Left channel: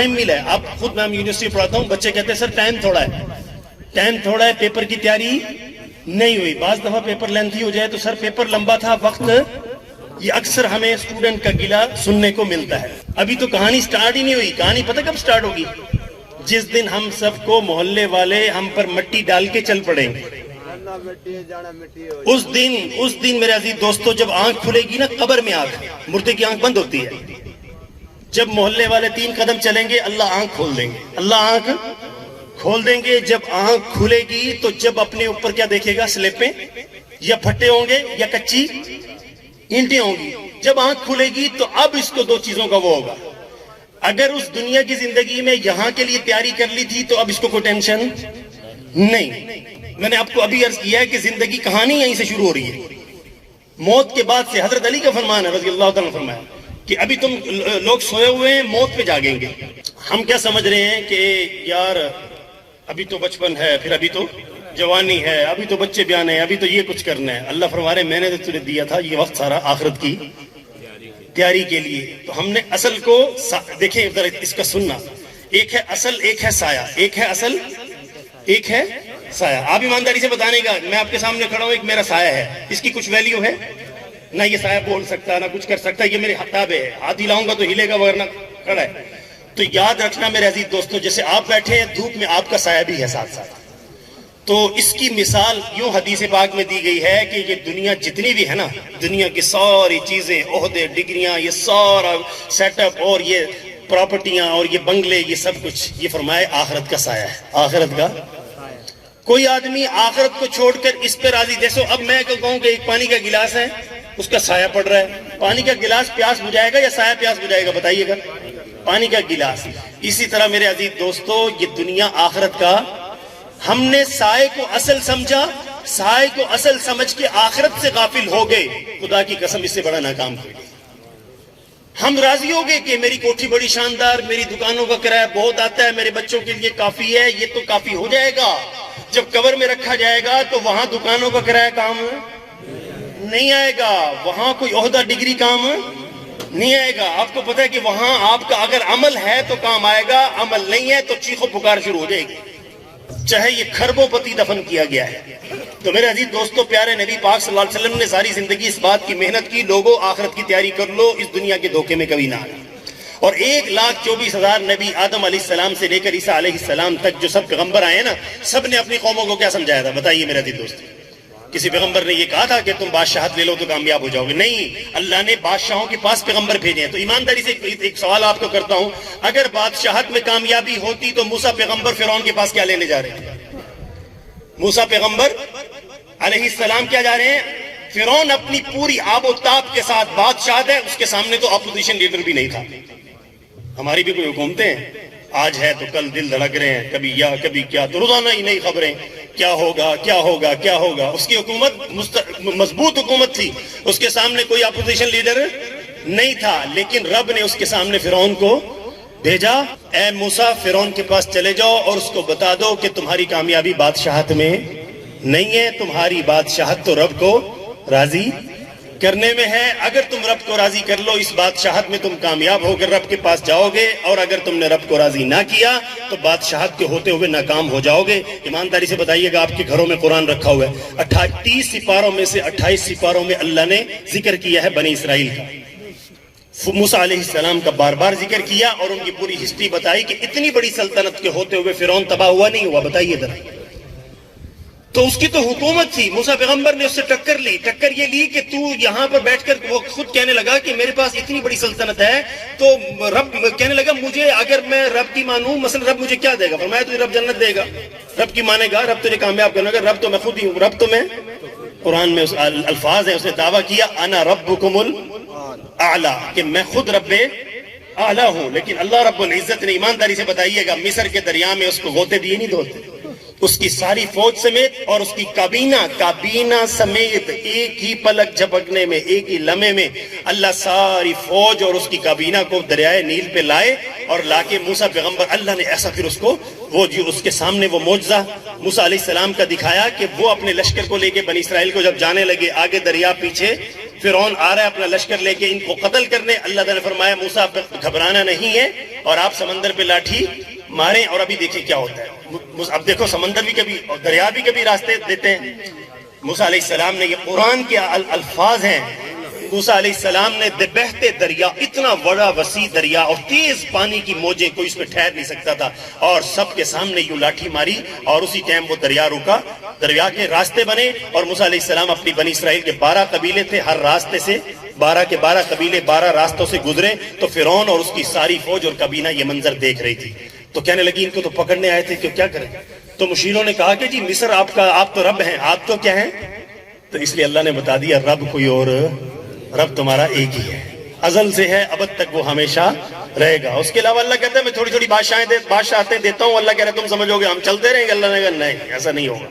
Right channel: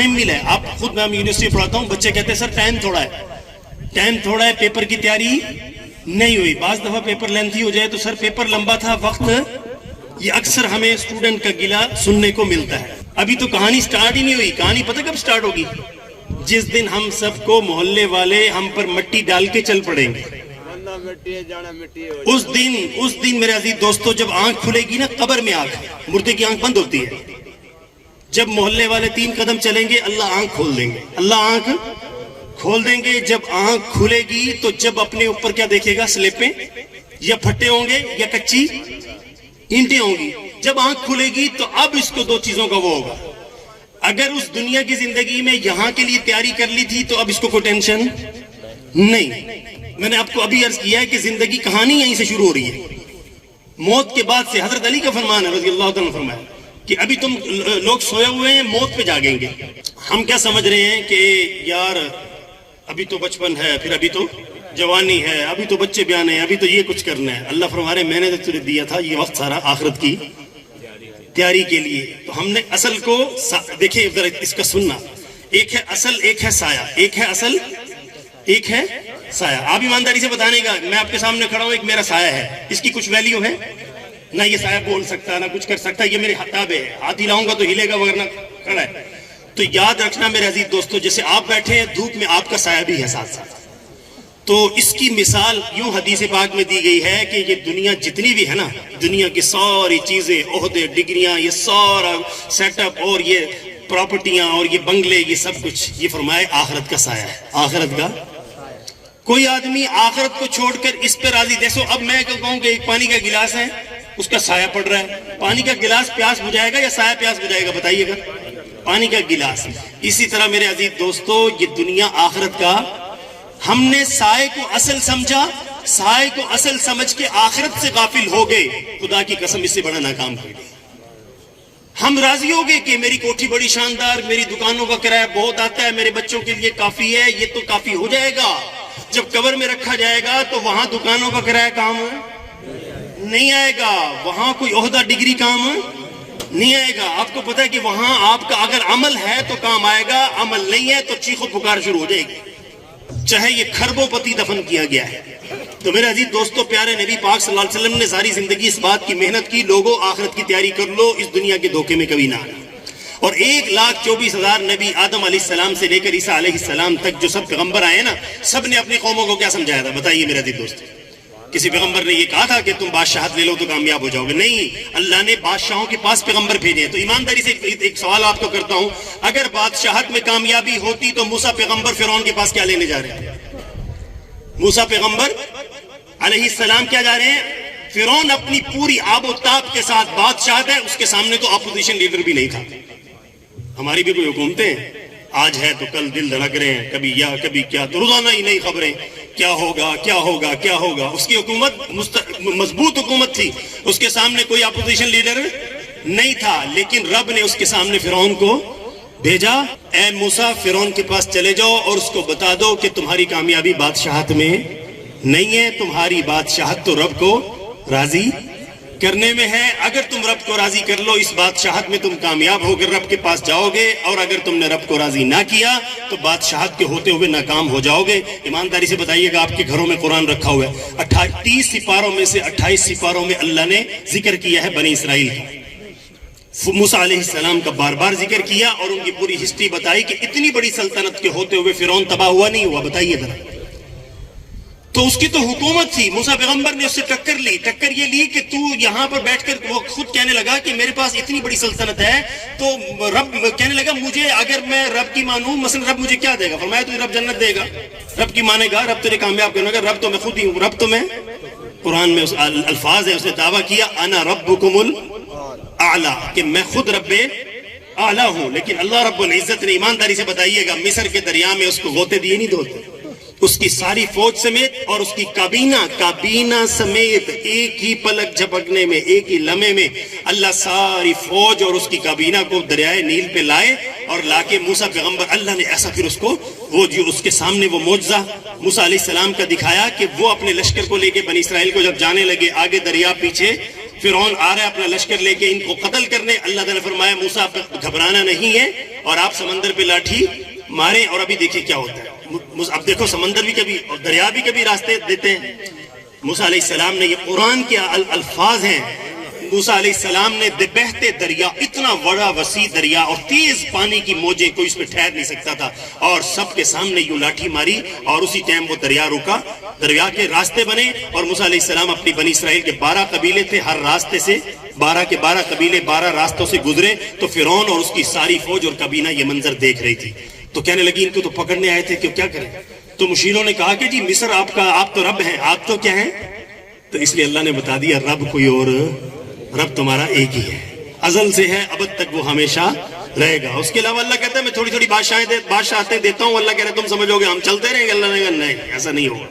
Time ملا ہے. آپ خود میں یونیورسٹی پڑھاتا ہوں, بچے کہتے ہیں سر ٹائم تھوڑا ہے, پیپر کی تیاری نہیں ہوئی. بعض دفعہ پیپر لینتھی ہو جائے تو سر پیپر لمبا تھا, وقت, یہ اکثر ہمیں اسٹوڈنٹ کا گلہ سننے کو ملتا ہے. ابھی تو کہانی سٹارٹ ہی نہیں ہوئی. کہانی پتہ کب سٹارٹ ہوگی؟ جس دن ہم سب کو محلے والے ہم پر مٹی ڈال کے چل پڑیں گے. اس دن میرے عزیز دوستو, جب آنکھ کھلے گی نا, قبر میں آنکھ, مردے کی آنکھ بند ہوتی ہے. جب محلے والے 3 قدم چلیں گے, اللہ آنکھ کھول دیں گے, اللہ آنکھ کھول دیں گے. جب آنکھ کھلے گی تو جب اپنے اوپر کیا دیکھے گا؟ سلیپیں یا پھٹے ہوں گے یا کچی اینٹیں ہوں گی. جب آنکھ کھلے گی تو اب اس کو 2 چیزوں کا وہ ہوگا. اگر اس دنیا کی زندگی میں یہاں کے لیے تیاری کر لی تھی تو اب اس کو کوئی ٹینشن نہیں. میں نے آپ کو ابھی عرض کیا ہے کہ زندگی کہانی یہیں سے شروع ہو رہی ہے. موت کے بعد سے حضرت علی کا فرمان ہے رضی اللہ تعالیٰ فرمایا کہ ابھی تم لوگ سوئے ہوئے ہیں, موت پہ جاگیں گے. ہم کیا سمجھ رہے ہیں کہ یار ابھی تو بچپن ہے, پھر ابھی تو جوانی ہے, ابھی تو بچے بیانے ہیں, ابھی تو یہ کچھ کرنا ہے. اللہ فرما رہے میں نے تو تجھے دیا تھا یہ وقت سارا آخرت کی تیاری کے لیے. تو ہم نے اصل کو دیکھیں, ذرا اس کا سننا, ایک ہے اصل, ایک ہے سایہ. ایک ہے اصل, ایک ہے سایہ. آپ ایمانداری سے بتانے کا, میں آپ کے سامنے کھڑا ہوں, ایک میرا سایہ ہے, اس کی کچھ ویلیو ہے؟ نہ یہ سایہ بول سکتا, نہ کچھ کر سکتا. یہ میرے تابع ہے, ہاتھ ہلاؤں گا تو ہلے گا ورنہ کھڑا ہے. تو یاد رکھنا میرے عزیز دوستو, جیسے آپ بیٹھے ہیں دھوپ میں, آپ کا سایہ بھی ہے ساتھ ساتھ. تو اس کی مثال یوں حدیث پاک میں دی گئی ہے کہ یہ دنیا جتنی بھی ہے نا, دنیا کی ساری چیزیں, عہدے, ڈگریاں, یہ سارا سیٹ اپ اور یہ پراپرٹیاں اور یہ بنگلے, یہ سب کچھ, یہ فرمائے آخرت کا سایہ ہے. آخرت کا. کوئی آدمی آخرت کو چھوڑ کر اس پہ راضی. دیکھو اب میں کہوں کہ ایک پانی کا گلاس ہے, اس کا سایہ پڑ رہا ہے. پانی کا گلاس پیاس بجھائے گا یا سایہ پیاس بجھائے گا؟ بتائیے گا. پانی کا گلاس. اسی طرح میرے عزیز دوستو, یہ دنیا آخرت کا, ہم نے سائے کو اصل سمجھا, سائے کو اصل سمجھ کے آخرت سے غافل ہو گئے. خدا کی قسم اس سے بڑا ناکام تھے. ہم راضی ہو گئے کہ میری کوٹھی بڑی شاندار, میری دکانوں کا کرایہ بہت آتا ہے, میرے بچوں کے لیے کافی ہے, یہ تو کافی ہو جائے گا. جب قبر میں رکھا جائے گا تو وہاں دکانوں کا کرایہ کام نہیں آئے گا, وہاں کوئی عہدہ ڈگری کام نہیں آئے گا. آپ کو پتا ہے کہ وہاں آپ کا اگر عمل ہے تو کام آئے گا, عمل نہیں ہے تو چیخو پکار شروع ہو جائے گی, چاہے یہ کھربوں پتی دفن کیا گیا ہے. تو میرے عزیز دوستو, پیارے نبی پاک صلی اللہ علیہ وسلم نے ساری زندگی اس بات کی محنت کی, لوگوں آخرت کی تیاری کر لو, اس دنیا کے دھوکے میں کبھی نہ. اور 1,24,000 نبی آدم علیہ السلام سے لے کر عیسیٰ علیہ السلام تک جو سب پیغمبر آئے نا, سب نے اپنی قوموں کو کیا سمجھایا تھا؟ بتائیے میرے عزیز دوست. کسی پیغمبر نے یہ کہا تھا کہ تم بادشاہت لے لو تو کامیاب ہو جاؤ گے؟ نہیں, اللہ نے بادشاہوں کے پاس پیغمبر بھیجے ہیں. تو ایمانداری سے ایک سوال آپ کو کرتا ہوں, اگر بادشاہت میں کامیابی ہوتی تو موسیٰ پیغمبر فرعون کے پاس کیا لینے جا رہے ہیں؟ موسیٰ پیغمبر علیہ السلام کیا جا رہے ہیں؟ فرعون اپنی پوری آب و تاب کے ساتھ بادشاہ ہے, اس کے سامنے تو اپوزیشن لیڈر بھی نہیں تھا. ہماری بھی کوئی حکومتیں آج ہے تو کل دل دھڑک رہے ہیں, کبھی یا کبھی کیا, تو روزانہ ہی نئی خبریں, کیا ہوگا کیا ہوگا کیا ہوگا. اس کی حکومت مضبوط حکومت تھی, اس کے سامنے کوئی اپوزیشن لیڈر نہیں تھا, لیکن رب نے اس کے سامنے فرعون کو بھیجا, اے موسیٰ فرعون کے پاس چلے جاؤ اور اس کو بتا دو کہ تمہاری کامیابی بادشاہت میں نہیں ہے, تمہاری بادشاہت تو رب کو راضی کرنے میں ہے. اگر تم رب کو راضی کر لو, اس بادشاہت میں تم کامیاب ہو کر رب کے پاس جاؤ گے, اور اگر تم نے رب کو راضی نہ کیا تو بادشاہت کے ہوتے ہوئے ناکام ہو جاؤ گے. ایمانداری سے بتائیے گا, آپ کے گھروں میں قرآن رکھا ہوا ہے, 30 سپاروں میں سے 28 سپاروں میں اللہ نے ذکر کیا ہے بنی اسرائیل کا. موسیٰ علیہ السلام کا بار بار ذکر کیا اور ان کی پوری ہسٹری بتائی کہ اتنی بڑی سلطنت کے ہوتے ہوئے فرعون تباہ ہوا نہیں ہوا. بتائیے ذرا. تو اس کی تو حکومت تھی, موسیٰ پیغمبر نے اس سے ٹکر لی. ٹکر یہ لی کہ تو یہاں پر بیٹھ کر, وہ خود کہنے لگا کہ میرے پاس اتنی بڑی سلطنت ہے, تو رب کہنے لگا مجھے, اگر میں رب کی مانوں, مثلا رب مجھے کیا دے گا؟ فرمایا تجھے رب جنت دے گا. رب کی مانے گا, رب تجھے کامیاب کرنے گا. رب تو میں خود ہی ہوں, رب تو میں, قرآن میں اس الفاظ ہیں, اس نے دعویٰ کیا انا ربکم الاعلی, کہ میں خود رب اعلیٰ ہوں. لیکن اللہ رب العزت نے, ایمانداری سے بتائیے گا, مصر کے دریا میں اس کو غوطے دیے نہیں دھوتے, اس کی ساری فوج سمیت اور اس کی کابینہ سمیت ایک ہی پلک جھپکنے میں, ایک ہی لمحے میں اللہ ساری فوج اور اس کی کابینہ کو دریائے نیل پہ لائے اور لا کے موسیٰ پیغمبر, اللہ نے ایسا پھر اس کو, وہ جو اس کے سامنے وہ معجزہ موسیٰ علیہ السلام کا دکھایا کہ وہ اپنے لشکر کو لے کے بنی اسرائیل کو جب جانے لگے, آگے دریا پیچھے فرعون آ رہا ہے اپنا لشکر لے کے ان کو قتل کرنے. اللہ تعالیٰ نے فرمایا موسیٰ گھبرانا نہیں ہے اور آپ سمندر پہ لاٹھی ماریں اور ابھی دیکھیں کیا ہوتا ہے. اب دیکھو سمندر بھی کبھی اور دریا بھی کبھی راستے دیتے ہیں. موسیٰ علیہ السلام نے, یہ قرآن کے الفاظ ہیں, موسیٰ علیہ السلام نے بہتے دریا, اتنا بڑا وسیع دریا اور تیز پانی کی موجیں, کوئی اس پہ ٹھہر نہیں سکتا تھا, اور سب کے سامنے یوں لاٹھی ماری اور اسی ٹائم وہ دریا رکا, دریا کے راستے بنے. اور موسیٰ علیہ السلام اپنی بنی اسرائیل کے 12 قبیلے تھے, ہر راستے سے 12 کے 12 قبیلے 12 راستوں سے گزرے. تو فرعون اور اس کی ساری فوج اور کابینہ یہ منظر دیکھ رہی تھی. تو کہنے لگی ان کو تو پکڑنے آئے تھے کہ کیا کریں. تو مشیروں نے کہا کہ جی مصر آپ تو رب ہیں, آپ تو کیا ہیں. تو اس لیے اللہ نے بتا دیا رب کوئی اور, رب تمہارا ایک ہی ہے, ازل سے ہے, ابد تک وہ ہمیشہ رہے گا. اس کے علاوہ اللہ کہتا ہے میں تھوڑی تھوڑی بادشاہتیں دیتا ہوں. اللہ کہہ رہا ہے تم سمجھو گے ہم چلتے رہیں گے. اللہ نے کہا نہیں, ایسا نہیں ہوگا.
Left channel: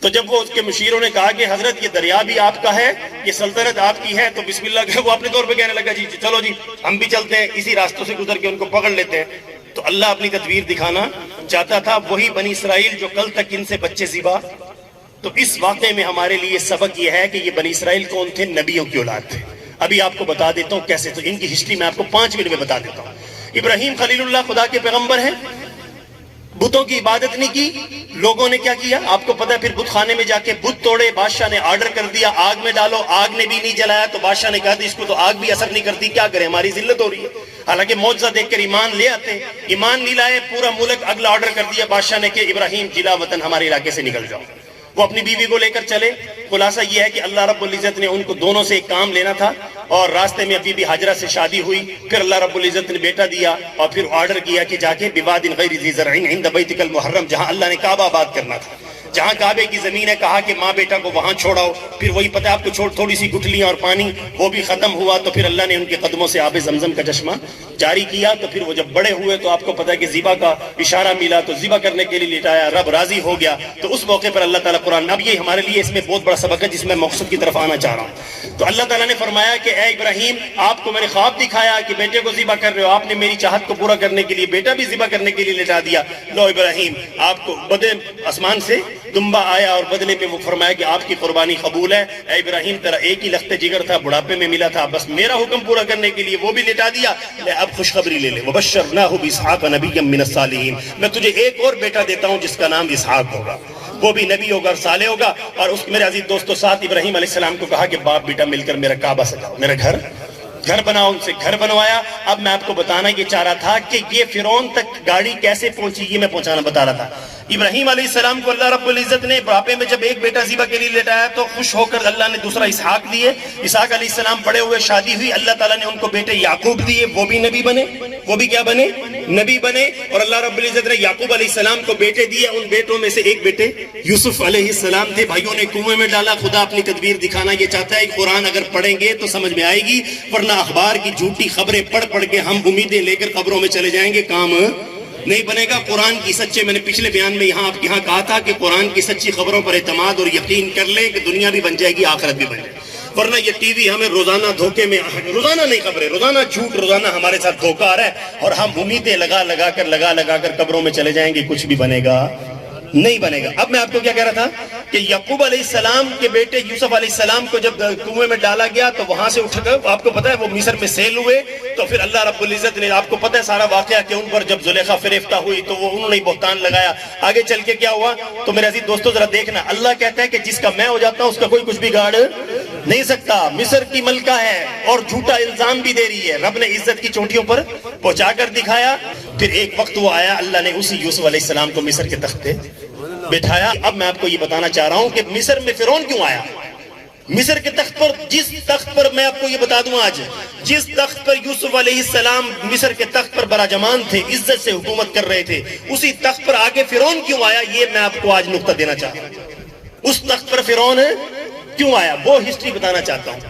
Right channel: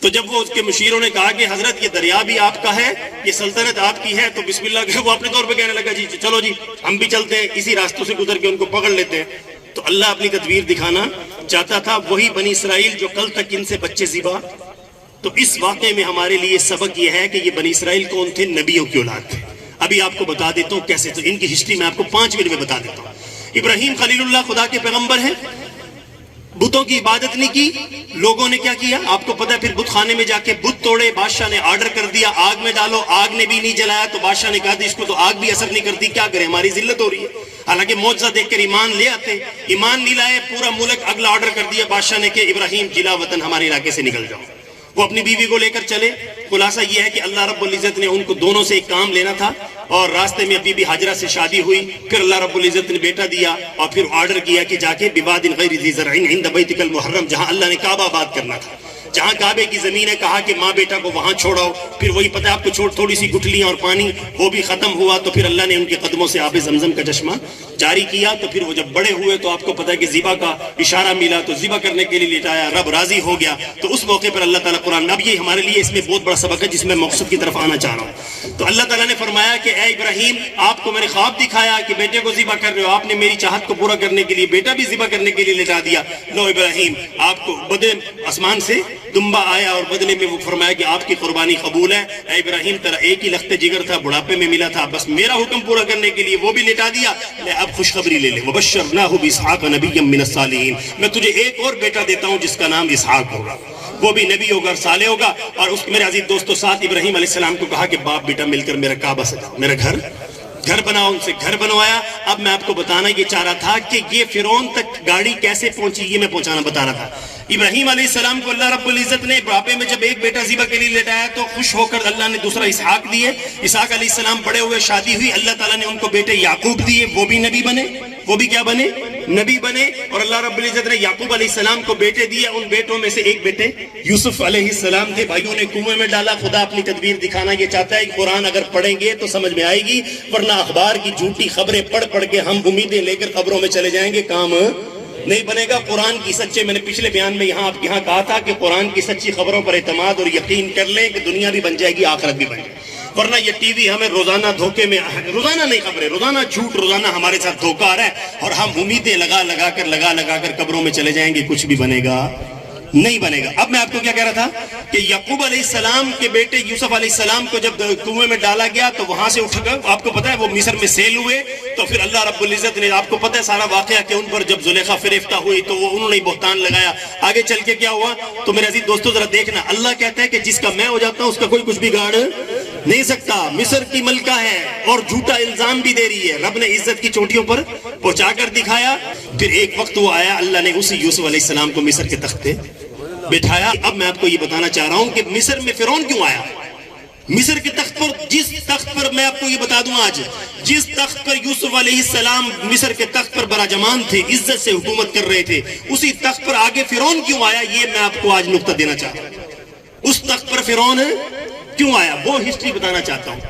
تو جب وہ اس کے مشیروں نے کہا کہ حضرت یہ دریا بھی آپ کا ہے, یہ سلطنت آپ کی ہے, تو بسم اللہ کہ وہ اپنے طور پہ کہنے لگا جی چلو جی ہم بھی چلتے ہیں, اسی راستوں سے گزر کے ان کو پکڑ لیتے ہیں. تو اللہ اپنی تدبیر دکھانا چاہتا تھا. وہی بنی اسرائیل جو کل تک ان سے بچے ذبح. تو اس واقعے میں ہمارے لیے سبق یہ ہے کہ یہ بنی اسرائیل کون تھے, نبیوں کی اولاد تھے. ابھی آپ کو بتا دیتا ہوں کیسے. تو ان کی ہسٹری میں آپ کو 5 منٹ میں بتا دیتا ہوں. ابراہیم خلیل اللہ خدا کے پیغمبر ہیں, بتوں کی عبادت نہیں کی. لوگوں نے کیا کیا آپ کو پتا ہے, پھر بت خانے میں جا کے بت توڑے. بادشاہ نے آرڈر کر دیا آگ میں ڈالو, آگ نے بھی نہیں جلایا. تو بادشاہ نے کہا اس کو تو آگ بھی اثر نہیں کرتی, کیا کرے, ہماری ذلت ہو رہی ہے. حالانکہ معجزہ دیکھ کر ایمان لے آتے, ایمان نہیں لائے. پورا ملک اگلا آرڈر کر دیا بادشاہ نے کہ ابراہیم جلا وطن ہمارے علاقے سے نکل جاؤ. وہ اپنی بیوی کو لے کر چلے. خلاصہ یہ ہے کہ اللہ رب العزت نے ان کو دونوں سے ایک کام لینا تھا, اور راستے میں بی بی حاجرہ سے شادی ہوئی. پھر اللہ رب العزت نے بیٹا دیا, اور پھر آرڈر کیا کہ جا کے بواد غیر ذی زرع عند بیتک المحرم, جہاں اللہ نے کعبہ آباد کرنا تھا, جہاں کعبے کی زمین ہے, کہا کہ ماں بیٹا کو وہاں چھوڑاؤ. پھر وہی پتہ آپ کو تھوڑی سی گٹھلیاں اور پانی, وہ بھی ختم ہوا. تو پھر اللہ نے ان کے قدموں سے آب زمزم کا چشمہ جاری کیا. تو پھر وہ جب بڑے ہوئے تو آپ کو پتہ ہے کہ ذبح کا اشارہ ملا, تو ذبح کرنے کے لیے لٹایا, رب راضی ہو گیا. تو اس موقع پر اللہ تعالیٰ قرآن, اب یہ ہمارے لیے اس میں بہت بڑا سبق ہے جس میں مقصد کی طرف آنا چاہ رہا ہوں. تو اللہ تعالیٰ نے فرمایا کہ اے ابراہیم آپ کو میں نے خواب دکھایا کہ بیٹے کو ذبح کر رہے ہو, آپ نے میری چاہت کو پورا کرنے کے لیے بیٹا بھی ذبح کرنے کے لیے لٹا دیا. لو ابراہیم آپ کو بدلے آسمان سے دمبا آیا, اور بدلے میں وہ فرمایا کہ آپ کی قربانی قبول ہے. اے ابراہیم تیرا ایک ہی لخت جگر تھا, بڑھاپے میں ملا تھا, بس میرا حکم پورا کرنے کے لیے وہ بھی لٹا دیا. اب خوشخبری لے لے, وبشرناہ باسحاق نبیا من الصالحین, میں تجھے ایک اور بیٹا دیتا ہوں جس کا نام اسحاق ہوگا, وہ بھی نبی ہوگا اور صالح ہوگا. اور اس میرے عزیز دوستو ساتھ ابراہیم علیہ السلام کو کہا کہ باپ بیٹا مل کر میرا کعبہ سجاؤ, میرا گھر بناؤ. ان سے گھر بنوایا. اب میں آپ کو بتانا یہ چاہ رہا تھا کہ یہ فرعون تک گاڑی کیسے پہنچی, یہ میں پہنچانا بتا رہا تھا. ابراہیم علیہ السلام کو اللہ رب العزت نے بڑھاپے میں جب ایک بیٹا ذبح کے لیے لٹایا تو خوش ہو کر اللہ نے دوسرا اسحاق دیے. اسحاق علیہ السلام بڑے ہوئے, شادی ہوئی, اللہ تعالیٰ نے ان کو بیٹے یعقوب دیے, وہ بھی نبی بنے, وہ بھی کیا بنے, نبی بنے. اور اللہ رب العزت نے یعقوب علیہ السلام کو بیٹے دیے. ان بیٹوں میں سے ایک بیٹے یوسف علیہ السلام تھے, بھائیوں نے کنویں میں ڈالا. خدا اپنی تدبیر دکھانا یہ چاہتا ہے, قرآن اگر پڑھیں گے تو سمجھ میں آئے گی, ورنہ اخبار کی جھوٹی خبریں پڑھ کے ہم امیدیں لے کر قبروں میں چلے جائیں گے, کام نہیں بنے گا. قرآن کی سچے, میں نے پچھلے بیان میں آپ کے یہاں کہا تھا کہ قرآن کی سچی خبروں پر اعتماد اور یقین کر لیں کہ دنیا بھی بن جائے گی, آخرت بھی بن جائے گی. ورنہ یہ ٹی وی ہمیں روزانہ دھوکے میں, روزانہ نہیں خبریں, روزانہ جھوٹ, روزانہ ہمارے ساتھ دھوکہ آ رہا ہے, اور ہم امیدیں لگا کر قبروں میں چلے جائیں گے, کچھ بھی بنے گا نہیں بنے گا. اب میں آپ کو کیا کہہ رہا تھا کہ یعقوب علیہ السلام کے بیٹے یوسف علیہ السلام کو جب کنویں میں ڈالا گیا تو وہاں سے اٹھ کر, آپ کو پتا ہے وہ مصر میں سیل ہوئے. تو پھر اللہ رب العزت نے, آپ کو پتا ہے سارا واقعہ کہ ان پر جب زلیخا فریفتہ ہوئی تو وہ انہوں نے بہتان لگایا. آگے چل کے کیا ہوا تو میرے عزیز دوستو ذرا دیکھنا, اللہ کہتا ہے کہ جس کا میں ہو جاتا ہوں اس کا کوئی کچھ بھی گاڑ نہیں سکتا. مصر کی ملکہ ہے اور جھوٹا الزام بھی دے رہی ہے, رب نے عزت کی چوٹیوں پر پہنچا کر دکھایا. پھر ایک وقت وہ آیا, اللہ نے اسی یوسف علیہ السلام کو مصر کے تخت پہ بٹھایا. اب میں آپ کو یہ بتانا چاہ رہا ہوں کہ مصر میں فرعون کیوں آیا. مصر کے تخت پر, جس تخت پر میں آپ کو یہ بتا دوں آج, جس تخت پر یوسف علیہ السلام مصر کے تخت پر براجمان تھے, عزت سے حکومت کر رہے تھے, اسی تخت پر آگے فرعون کیوں آیا, یہ میں آپ کو آج نقطہ دینا چاہتا ہوں. اس تخت پر فرعون کیوں آیا وہ ہسٹری بتانا چاہتا ہوں.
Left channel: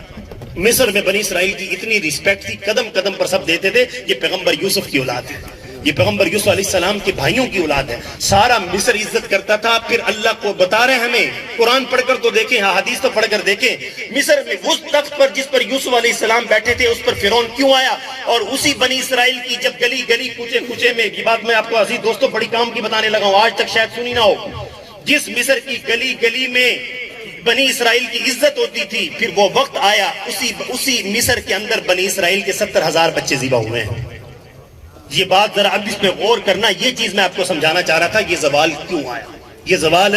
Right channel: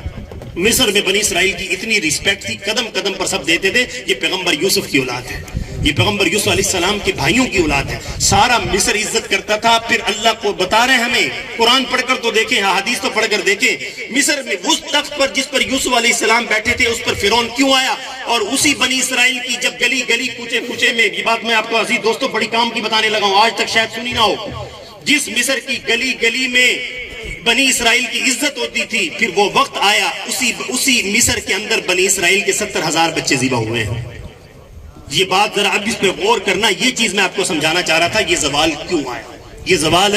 مصر میں بنی اسرائیل کی اتنی ریسپیکٹ تھی, قدم قدم پر سب دیتے تھے یہ پیغمبر یوسف کی اولاد ہے, یہ پیغمبر یوسف علیہ السلام کے بھائیوں کی اولاد ہے. سارا مصر عزت کرتا تھا. پھر اللہ کو بتا رہے ہیں ہمیں, قرآن پڑھ کر تو دیکھیں, حدیث تو پڑھ کر دیکھیں, مصر میں اس تخت پر جس پر یوسف علیہ السلام بیٹھے تھے اس پر فرعون کیوں آیا. اور اسی بنی اسرائیل کی جب گلی گلی کوچے میں, یہ بات میں آپ کو عزیز دوستوں بڑی کام کی بتانے لگا ہوں, آج تک شاید سنی نہ ہو, جس مصر کی گلی گلی میں بنی اسرائیل کی عزت ہوتی تھی، پھر وہ وقت آیا اسی مصر کے اندر بنی اسرائیل کے 70,000 بچے ذبح ہوئے ہیں۔ یہ بات ذرا اب اس پہ غور کرنا، یہ چیز میں آپ کو سمجھانا چاہ رہا تھا، یہ زوال کیوں آیا، یہ زوال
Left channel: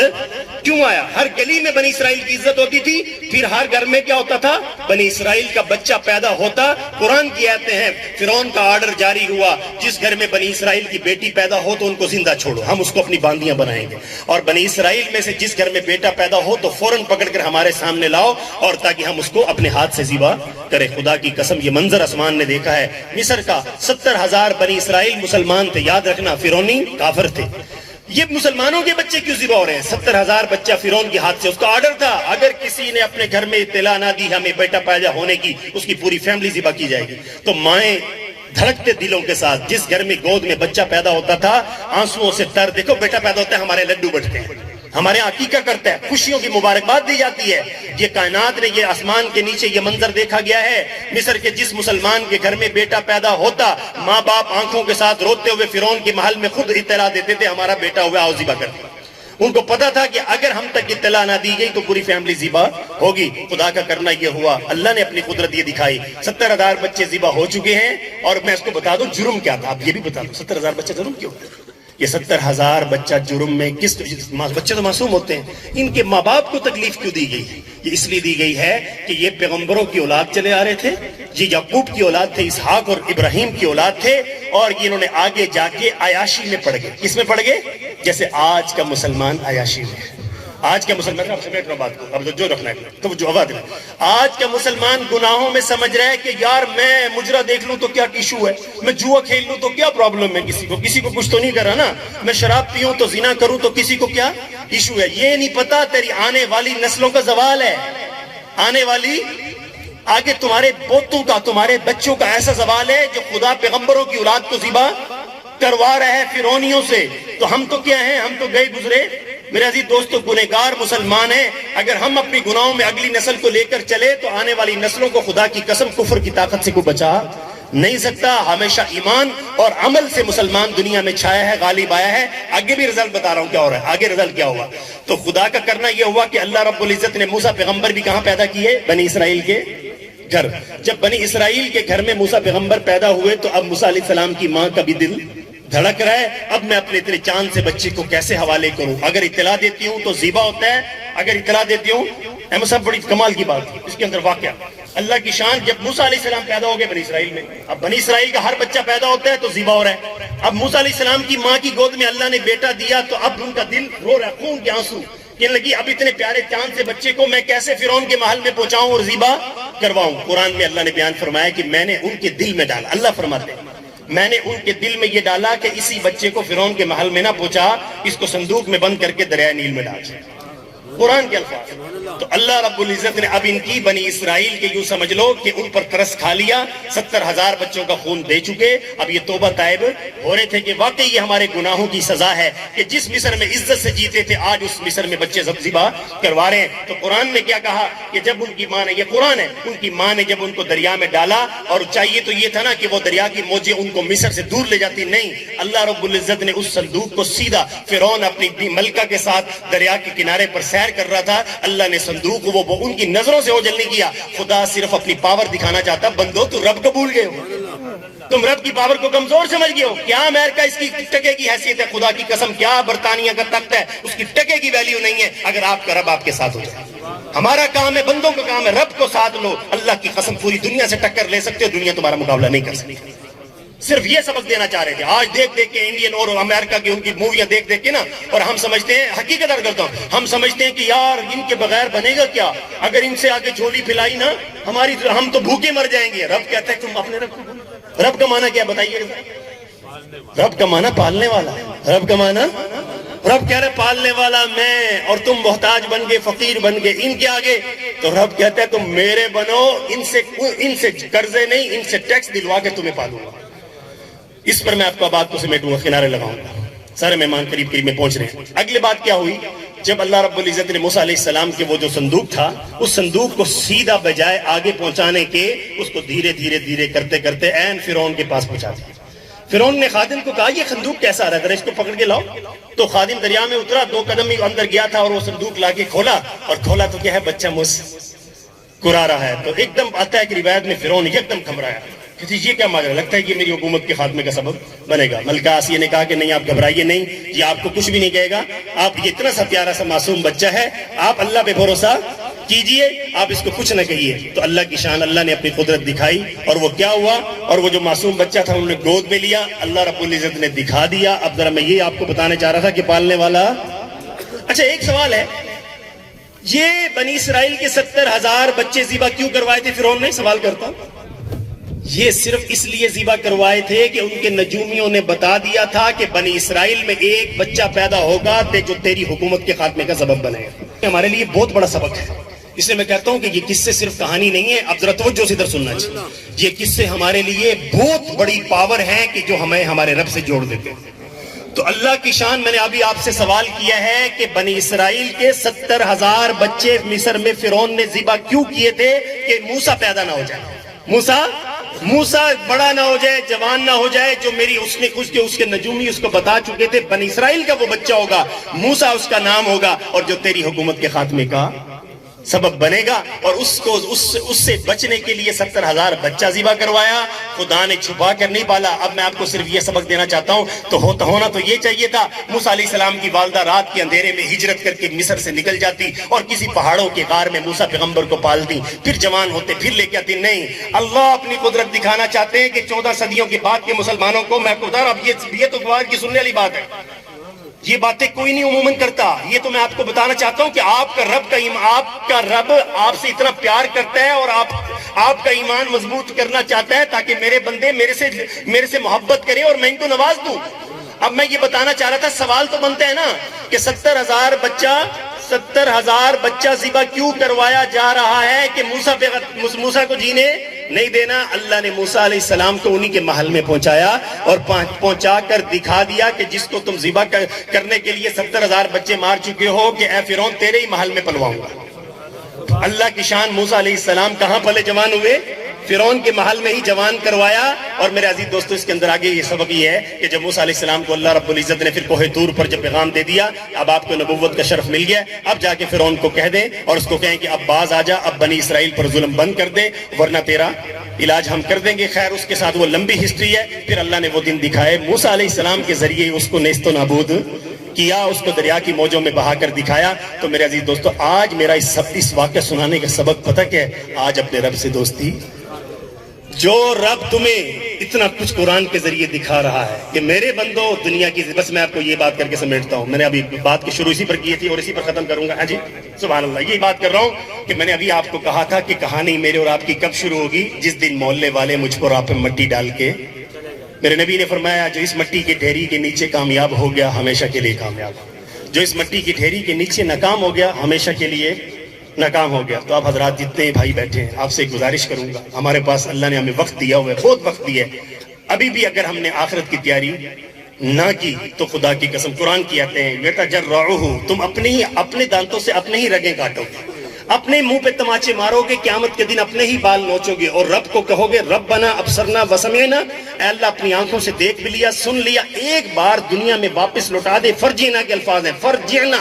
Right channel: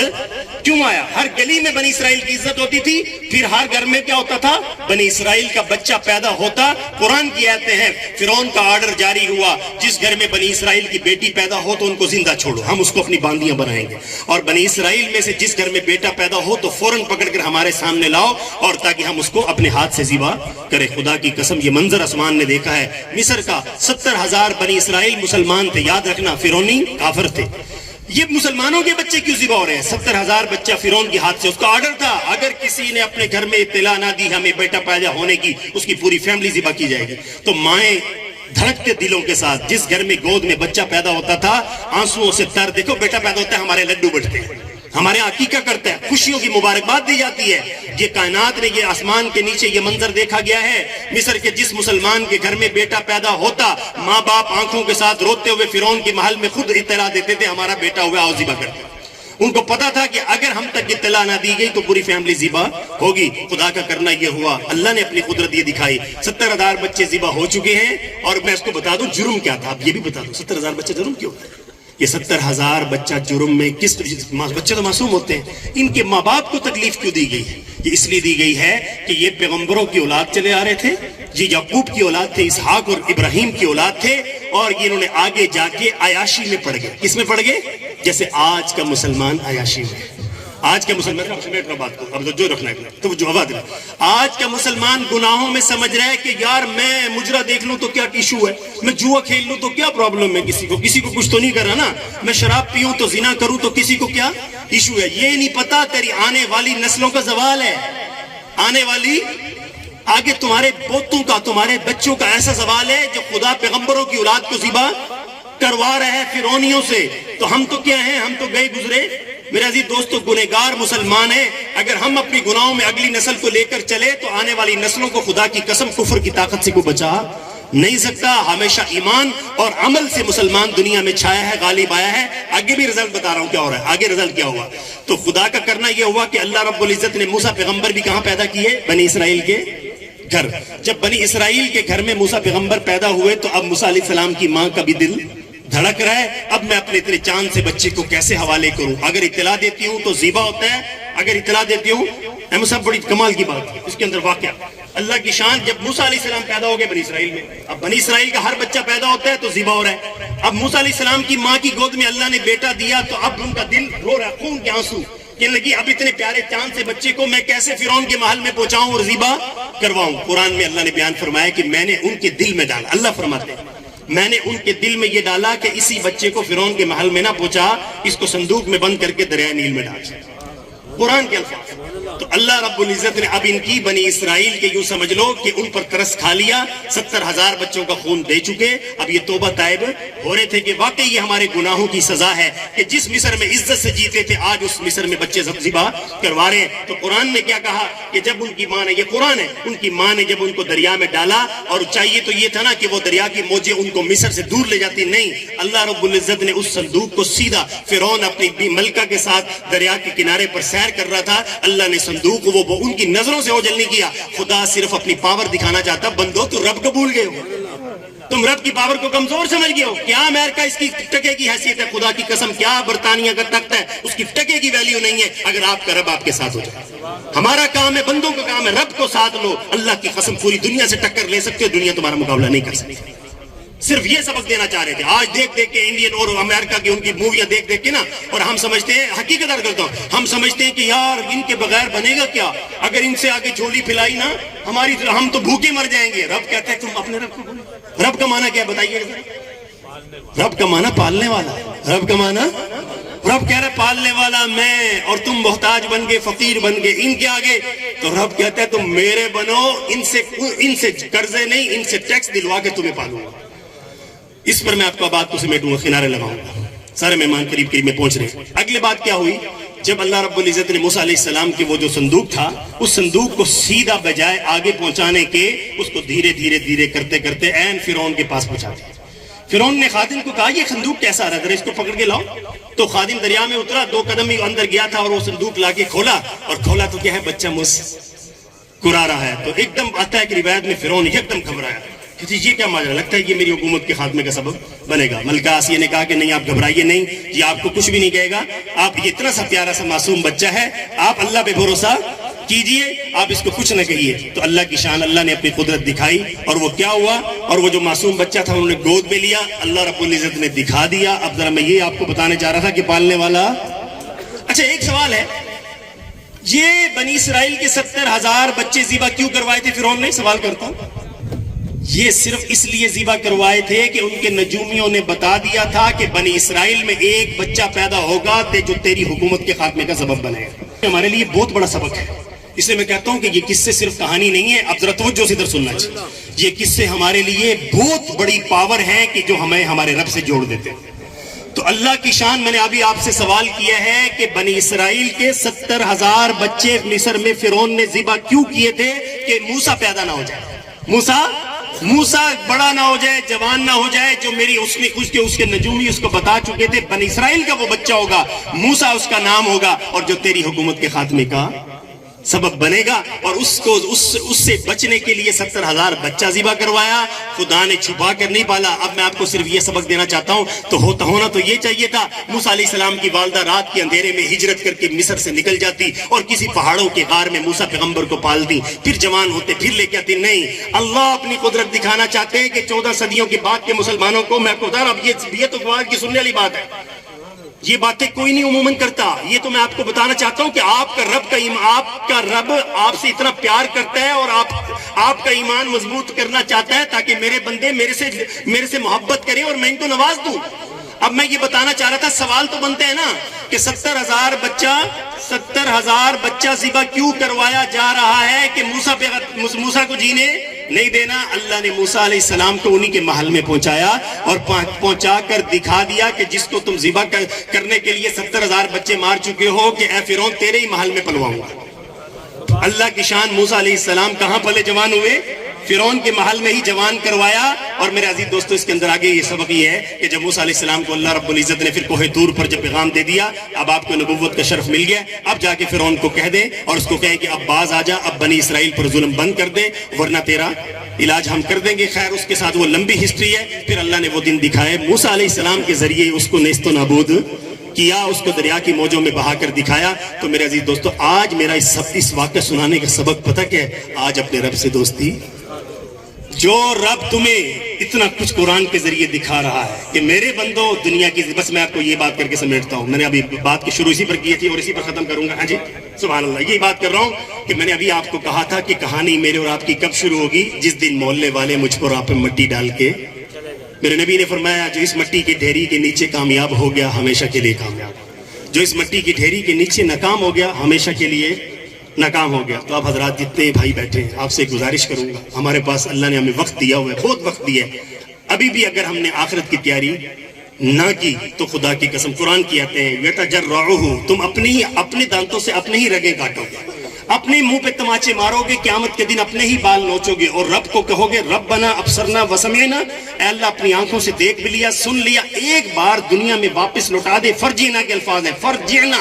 کیوں آیا؟ ہر گلی میں بنی اسرائیل کی عزت ہوتی تھی، پھر ہر گھر میں کیا ہوتا تھا؟ بنی اسرائیل کا بچہ پیدا ہوتا۔ قرآن کی آیتیں ہیں، فرعون کا آرڈر جاری ہوا، جس گھر میں بنی اسرائیل کی بیٹی پیدا ہو تو ان کو زندہ چھوڑو، ہم اس کو اپنی باندیاں بنائیں گے، اور بنی اسرائیل میں سے جس گھر میں بیٹا پیدا ہو تو فوراً پکڑ کر ہمارے سامنے لاؤ، اور تاکہ ہم اس کو اپنے ہاتھ سے ذبح کرے۔ خدا کی قسم یہ منظر آسمان نے دیکھا ہے، مصر کا 70,000 بنی اسرائیل مسلمان تھے، یاد رکھنا فرعونی کافر تھے۔ یہ مسلمانوں کے بچے کیوں ذبح ہو رہے ہیں؟ 70,000 بچہ فرعون کے ہاتھ سے، اس کا آرڈر تھا اگر کسی نے اپنے گھر میں اطلاع نہ دی ہمیں بیٹا پیدا ہونے کی، اس کی پوری فیملی ذبح کی جائے گی۔ تو مائیں دھڑکتے دلوں کے ساتھ، جس گھر میں گود میں بچہ پیدا ہوتا تھا آنسوؤں سے تر، دیکھو بیٹا پیدا ہوتا ہے ہمارے لڈو بٹتے ہیں، ہمارے عقیقہ کرتا ہے، خوشیوں کی مبارکباد دی جاتی ہے۔ یہ کائنات نے، یہ آسمان کے نیچے یہ منظر دیکھا گیا ہے، مصر کے جس مسلمان کے گھر میں بیٹا پیدا ہوتا، ماں باپ آنکھوں کے ساتھ روتے ہوئے فرعون کے محل میں خود اطلاع دیتے تھے ہمارا بیٹا ہوا، آؤ ذبح کرتے۔ ان کو پتا تھا کہ اگر ہم تک اطلاع نہ دی گئی تو پوری فیملی ذبح ہوگی۔ خدا کا کرنا یہ ہوا، اللہ نے اپنی قدرت یہ دکھائی، 70,000 بچے ذبح ہو چکے ہیں۔ اور میں اس کو بتا دوں جرم کیا تھا، اب یہ بھی بتا دوں 70,000 بچے جرم کیوں؟ یہ 70,000 بچہ جرم میں کس، بچے تو معصوم ہوتے ہیں، ان کے ماں باپ کو تکلیف کیوں دی گئی ہے؟ یہ اس لیے دی گئی ہے کہ یہ پیغمبروں کی اولاد چلے آ رہے تھے، یہ یعقوب کی اولاد تھے، اسحاق اور ابراہیم کی اولاد تھے، اور یہ انہوں نے آگے جا کے عیاشی میں پڑ گئے۔ کس میں پڑ گئے؟ جیسے آج کا مسلمان عیاشی میں ہے۔ آج کا مسلمان، سمیٹ لو بات کو، اب جو رکھنا ہے تو جو آواز ہے، آج کا مسلمان گناہوں میں سمجھ رہا ہے کہ یار میں مجرا دیکھ لوں تو کیا ایشو ہے، میں جوا کھیل لوں تو کیا پرابلم ہے، کسی کو کچھ تو نہیں کرا نا، میں شراب پیوں تو زنا کروں تو کسی کو کیا ایشو ہے۔ یہ نہیں پتا تیری آنے والی نسلوں کا زوال ہے، آنے والی آگے تمہارے پوتوں کا، تمہارے بچوں کا ایسا زوال ہے جو خدا پیغمبروں کی اولاد کو ذبح کروا رہا ہے فرعونیوں سے۔ تو ہم تو کیا ہیں، ہم تو گئے گزرے میرے عزیز دوستو گنہگار مسلمان ہیں۔ اگر ہم اپنی گناہوں میں اگلی نسل کو لے کر چلے تو آنے والی نسلوں کو خدا کی قسم کفر کی طاقت سے کوئی بچا نہیں سکتا۔ ہمیشہ ایمان اور عمل سے مسلمان دنیا میں چھایا ہے، غالب آیا ہے۔ آگے بھی رزلٹ بتا رہا ہوں کیا ہو رہا ہے، آگے رزلٹ کیا ہوا۔ تو خدا کا کرنا یہ ہوا کہ اللہ رب العزت نے موسیٰ پیغمبر بھی کہاں پیدا کیے؟ بنی اسرائیل کے گھر۔ جب بنی اسرائیل کے گھر میں موسیٰ پیغمبر پیدا ہوئے تو اب موسیٰ علیہ السلام کی ماں کا بھی دل دھڑک رہا ہے، اب میں اپنے اتنے چاند سے بچے کو کیسے حوالے کروں؟ اگر اطلاع دیتی ہوں تو ذبح ہوتا ہے، اگر اطلاع دیتی ہوں، سب بڑی کمال کی بات ہے اس کے اندر واقعہ اللہ کی شان۔ جب موسیٰ علیہ السلام پیدا ہو گئے بنی اسرائیل میں، اب بنی اسرائیل کا ہر بچہ پیدا ہوتا ہے تو ذبح ہو رہا ہے۔ اب موسیٰ علیہ السلام کی ماں کی گود میں اللہ نے بیٹا دیا تو اب ان کا دل رو رہا، خون کے آنسو کہنے لگی اب اتنے پیارے چاند سے بچے کو میں کیسے فرعون کے محل میں پہنچاؤں اور ذبح کرواؤں؟ قرآن میں اللہ نے بیان فرمایا کہ میں نے ان کے دل میں ڈالا، اللہ فرماتے ہیں میں نے ان کے دل میں یہ ڈالا کہ اسی بچے کو فرعون کے محل میں نہ پہنچا، اس کو صندوق میں بند کر کے دریائے نیل میں ڈال دیا۔ قرآن کے الفاظ۔ تو اللہ رب العزت نے اب ان کی بنی اسرائیل کے یوں سمجھ لو کہ ان پر ترس کھا لیا، 70,000 بچوں کا خون دے چکے، اب یہ توبہ طائب ہو رہے تھے کہ واقعی یہ ہمارے گناہوں کی سزا ہے کہ جس مصر میں عزت سے جیتے تھے آج اس مصر میں بچے ذبح کروا رہے ہیں۔ تو قرآن نے کیا کہا کہ جب ان کی ماں نے، یہ قرآن ہے، ان کی ماں نے جب ان کو دریا میں ڈالا، اور چاہیے تو یہ تھا نا کہ وہ دریا کی موجیں ان کو مصر سے دور لے جاتی، نہیں، اللہ رب العزت نے اس صندوق کو سیدھا، فرعون اپنی ملکہ کے ساتھ دریا کے کنارے پر سیر کر رہا تھا، اللہ نے صندوق وہ ان کی نظروں سے اوجھل نہیں کیا۔ خدا صرف اپنی پاور دکھانا چاہتا، بندو تو رب کو بھول گئے ہو، تم رب کی پاور کو کمزور سمجھ گئے ہو۔ کیا امریکہ اس کی ٹکے کی حیثیت ہے؟ خدا کی قسم کیا برطانیہ کا تخت ہے، اس کی ٹکے کی ویلیو نہیں ہے اگر آپ کا رب آپ کے ساتھ ہو جائے۔ ہمارا کام ہے، بندوں کا کام ہے، رب کو ساتھ لو، اللہ کی قسم پوری دنیا سے ٹکر لے سکتے ہو، دنیا تمہارا مقابلہ نہیں کر سکتی۔ صرف یہ سبق دینا چاہ رہے تھے۔ آج دیکھ دیکھ کے انڈین اور امریکہ کی ان کی موویاں دیکھ دیکھ کے نا، اور ہم سمجھتے ہیں، حقیقت عرض کرتا ہوں، ہم سمجھتے ہیں کہ یار ان کے بغیر بنے گا کیا، اگر ان سے آگے جھولی پھیلائی نا ہماری، ہم تو بھوکے مر جائیں گے۔ رب کہتے ہیں تم اپنے رب کا معنی کیا بتائیے؟ رب کا معنی پالنے والا، رب کا معنی، رب کہہ رہے پالنے والا میں، اور تم محتاج بن گئے، فقیر بن گئے ان کے آگے، تو رب کہتے ہیں تم میرے بنو، ان سے قرضے نہیں، ان سے ٹیکس دلوا کے تمہیں پالوں گا۔ اس پر میں آپ کو بات کو سمیٹوں گا، کنارے لگاؤں گا، سارے مہمان قریب قریب میں پہنچ رہے ہیں۔ اگلی بات کیا ہوئی؟ جب اللہ رب العزت نے موسیٰ علیہ السلام کے وہ جو صندوق تھا، اس صندوق کو سیدھا بجائے آگے پہنچانے کے، اس کو دھیرے دھیرے دھیرے کرتے کرتے عین فرعون کے پاس پہنچا دیا۔ فرعون نے خادم کو کہا یہ صندوق کیسا آ رہا ہے، ذرا اس کو پکڑ کے لاؤ. تو خادم دریا میں اترا، 2 قدم ہی اندر گیا تھا اور وہ صندوق لا کے کھولا، اور کھولا تو کیا ہے، بچہ مسکرا رہا ہے. تو ایک دم آتا ہے کہ روایت میں فرعون ایک دم گھبرایا کہ یہ کیا ماجرا، لگتا ہے یہ میری حکومت کے خاتمے کا سبب بنے گا. ملکہ آسیہ نے کہا کہ نہیں، آپ گھبرائیے نہیں، یہ آپ کو کچھ بھی نہیں کہے گا، آپ یہ اتنا سا پیارا سا معصوم بچہ ہے، آپ اللہ پہ بھروسہ کیجئے، آپ اس کو کچھ نہ کہیے. تو اللہ کی شان، اللہ نے اپنی قدرت دکھائی، اور وہ کیا ہوا، اور وہ جو معصوم بچہ تھا انہوں نے گود میں لیا، اللہ رب العزت نے دکھا دیا. اب ذرا میں یہ آپ کو بتانے چاہ رہا تھا کہ پالنے والا. اچھا ایک سوال ہے، یہ بنی اسرائیل کے 70,000 بچے ذبح کیوں کروائے تھے فرعون نے؟ سوال کرتا ہوں. یہ صرف اس لیے ذبح کروائے تھے کہ ان کے نجومیوں نے بتا دیا تھا کہ بنی اسرائیل میں ایک بچہ پیدا ہوگا جو تیری حکومت کے خاتمے کا سبب بنے گا. ہمارے لیے بہت بڑا سبق ہے، اس لیے میں کہتا ہوں کہ یہ قصے صرف کہانی نہیں ہے. اب ذرا توجہ سے ادھر سننا چاہیے. یہ قصے ہمارے لیے بہت بڑی پاور ہے کہ جو ہمیں ہمارے رب سے جوڑ دیتے ہیں. تو اللہ کی شان، میں نے ابھی آپ سے سوال کیا ہے کہ بنی اسرائیل کے 70,000 بچے مصر میں فرعون نے ذبح کیوں کیے تھے؟ کہ موسیٰ پیدا نہ ہو جائے، موسیٰ بڑا نہ ہو جائے، جوان نہ ہو جائے. جو میری اس کے نجومی اس کو بتا چکے تھے بنی اسرائیل کا وہ بچہ ہوگا، موسیٰ اس کا نام ہوگا، اور جو تیری حکومت کے خاتمے کا سبب بنے گا. اور اس سے بچنے کے لیے 70,000 بچہ ذبح کروایا. خدا نے چھپا کر نہیں پالا. اب میں آپ کو صرف یہ سبق دینا چاہتا ہوں، تو ہونا تو یہ چاہیے تھا، موسیٰ علیہ السلام کی والدہ رات کے اندھیرے میں ہجرت کر کے مصر سے نکل جاتی اور کسی پہاڑوں کے غار میں موسیٰ پیغمبر کو پالتی، پھر جوان ہوتے پھر لے کے آتی. نہیں، اللہ اپنی قدرت دکھانا چاہتے ہیں کہ 14 صدیوں کے بعد کے مسلمانوں کو میں آپ کو بتا رہا ہوں، یہ تو گوار کی سننے والی بات ہے. یہ باتیں کوئی نہیں عموماً کرتا. یہ تو میں آپ کو بتانا چاہتا ہوں کہ آپ کا رب آپ سے اتنا پیار کرتا ہے اور آپ کا ایمان مضبوط کرنا چاہتا ہے تاکہ میرے بندے میرے سے محبت کریں اور میں ان کو نواز دوں. اب میں یہ بتانا چاہ رہا تھا، سوال تو بنتا ہے نا کہ 70,000 بچہ ذبح کیوں کروایا جا رہا ہے؟ کہ موسیٰ کو جینے نہیں دینا. اللہ نے موسیٰ علیہ السلام کو انہی کے محل میں پہنچایا اور پہنچا کر دکھا دیا کہ جس کو تم ذبح کرنے کے لیے 70,000 بچے مار چکے ہو، کہ اے فرعون تیرے ہی محل میں پلواؤں گا. اللہ کی شان، موسیٰ علیہ السلام کہاں پلے جوان ہوئے؟ فرعون کے محل میں ہی جوان کروایا. اور میرے عزیز دوستو، اس کے اندر آگے یہ سبق یہ ہے کہ جب موسیٰ علیہ السلام کو اللہ رب العزت نے پھر کوہ طور پر جب پیغام دے دیا، اب آپ کو نبوت کا شرف مل گیا، اب جا کے فرعون کو کہہ دیں اور اس کو کہیں کہ اب باز آ جا، اب بنی اسرائیل پر ظلم بند کر دے ورنہ تیرا علاج ہم کر دیں گے. خیر، اس کے ساتھ وہ لمبی ہسٹری ہے. پھر اللہ نے وہ دن دکھائے، موسیٰ علیہ السلام کے ذریعے اس کو نیست و نابود کیا، اس کو دریا کی موجوں میں بہا کر دکھایا. تو میرے عزیز دوستو، آج میرا اس واقعہ سنانے کا سبق پتہ کیا ہے؟ آج اپنے رب سے دوستی. جو رب تمہیں اتنا کچھ قرآن کے ذریعے دکھا رہا ہے کہ میرے بندو دنیا کی، بس میں آپ کو یہ بات کر کے سمیٹتا ہوں. میں نے ابھی بات کی شروع اسی پر کی تھی اور اسی پر ختم کروں گا. ہاں جی، سبحان اللہ. یہ بات کر رہا ہوں کہ میں نے ابھی آپ کو کہا تھا کہ کہانی میرے اور آپ کی کب شروع ہوگی؟ جس دن محلے والے مجھ پر آپ مٹی ڈال کے، میرے نبی نے فرمایا جو اس مٹی کے ڈھیری کے نیچے کامیاب ہو گیا ہمیشہ کے لیے کامیاب، جو اس مٹی کی ڈھیری کے نیچے ناکام ہو گیا ہمیشہ کے لیے ناکام ہو گیا. تو آپ حضرات جتنے بھائی بیٹھے ہیں، آپ سے گزارش کروں گا، ہمارے پاس اللہ نے ہمیں وقت دیا ہوا ہے، بہت وقت دیا ہے. ابھی بھی اگر ہم نے آخرت کی تیاری نہ کی تو خدا کی قسم، قرآن کی آتے ہیں وَيَتَجَرَّعُهُ، تم اپنے دانتوں سے اپنے ہی رگیں کاٹو گے، اپنے منہ پہ تماچے مارو گے، قیامت کے دن اپنے ہی بال نوچو گے اور رب کو کہو گے ربنا ابصرنا وسمعنا، اے اللہ اپنی آنکھوں سے دیکھ بھی لیا، سن لیا، ایک بار دنیا میں واپس لوٹا دے. فرجعنا کے الفاظ ہیں، فرجعنا،